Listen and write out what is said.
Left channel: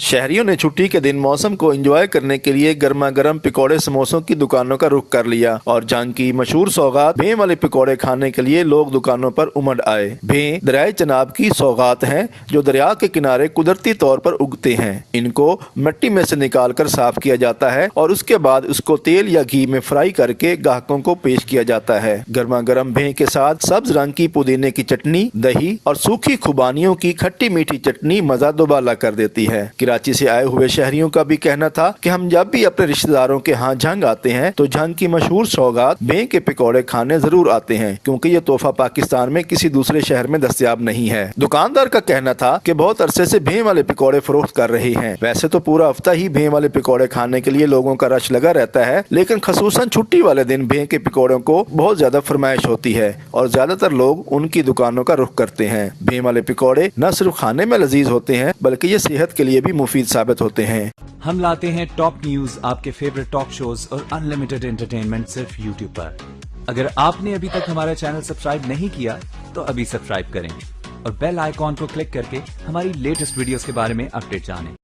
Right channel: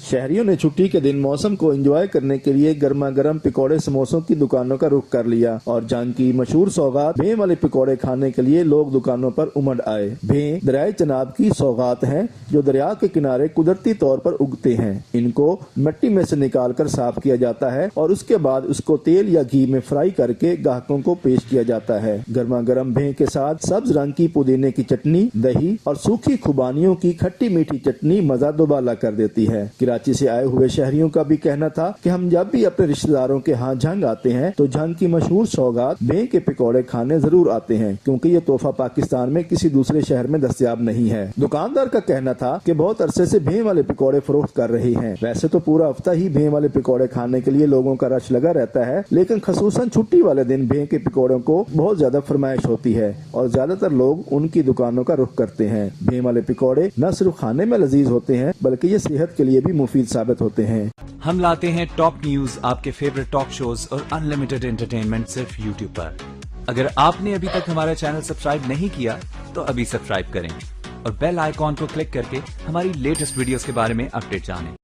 शहरियों ने छुट्टी के दिन मौसम को एंजॉय करने के लिए गर्मा गर्म पकौड़े समोसों की दुकानों का रुख कर लिया और जहां की मशहूर सौगात भें वाले पकौड़े खाने के लिए लोग दुकानों पर उमड़ आए। भें दरियाए चनाब की सौगात हैं जो दरिया के किनारे कुदरती तौर पर उगते हैं। इनको मिट्टी में से निकाल कर साफ किया जाता है और उसके बाद उसको तेल या घी में फ्राई करके ग्राहकों को पेश किया जाता है। गर्मा गर्म भें के साथ सब्ज रंग की पुदीने की चटनी, दही और सूखी खुबानियों की खट्टी मीठी चटनी मजा दोबाला कर देती है। कराची से आए हुए शहरियों का भी कहना था कि हम जब भी अपने रिश्तेदारों के यहाँ झंग आते हैं तो झंग की मशहूर सौगात भें के पकौड़े खाने जरूर आते हैं, क्योंकि ये तोहफा पाकिस्तान में किसी दूसरे शहर में दस्तयाब नहीं है। दुकानदार का कहना था कि बहुत अरसे से भें वाले पकौड़े फरोख्त कर रहे हैं। वैसे तो पूरा हफ्ता ही भें वाले पकौड़े खाने के लिए लोगों का रश लगा रहता है, लेकिन खसूसन छुट्टी वाले दिन भें के पकौड़ों को बहुत ज्यादा फरमाइश होती है और ज्यादातर लोग उनकी दुकानों का रुख करते हैं। भें वाले पकौड़े न सिर्फ खाने में लजीज होते हैं बल्कि ये सेहत के लिए भी मुफीद साबित होते हैं। हम लाते हैं टॉप न्यूज, आपके फेवरेट टॉक शोज और अनलिमिटेड एंटरटेनमेंट सिर्फ यूट्यूब पर। अगर आपने अभी तक हमारा चैनल सब्सक्राइब नहीं किया तो अभी सब्सक्राइब करें और बेल आइकॉन को क्लिक करके हमारी लेटेस्ट वीडियोस के बारे में अपडेट जानें।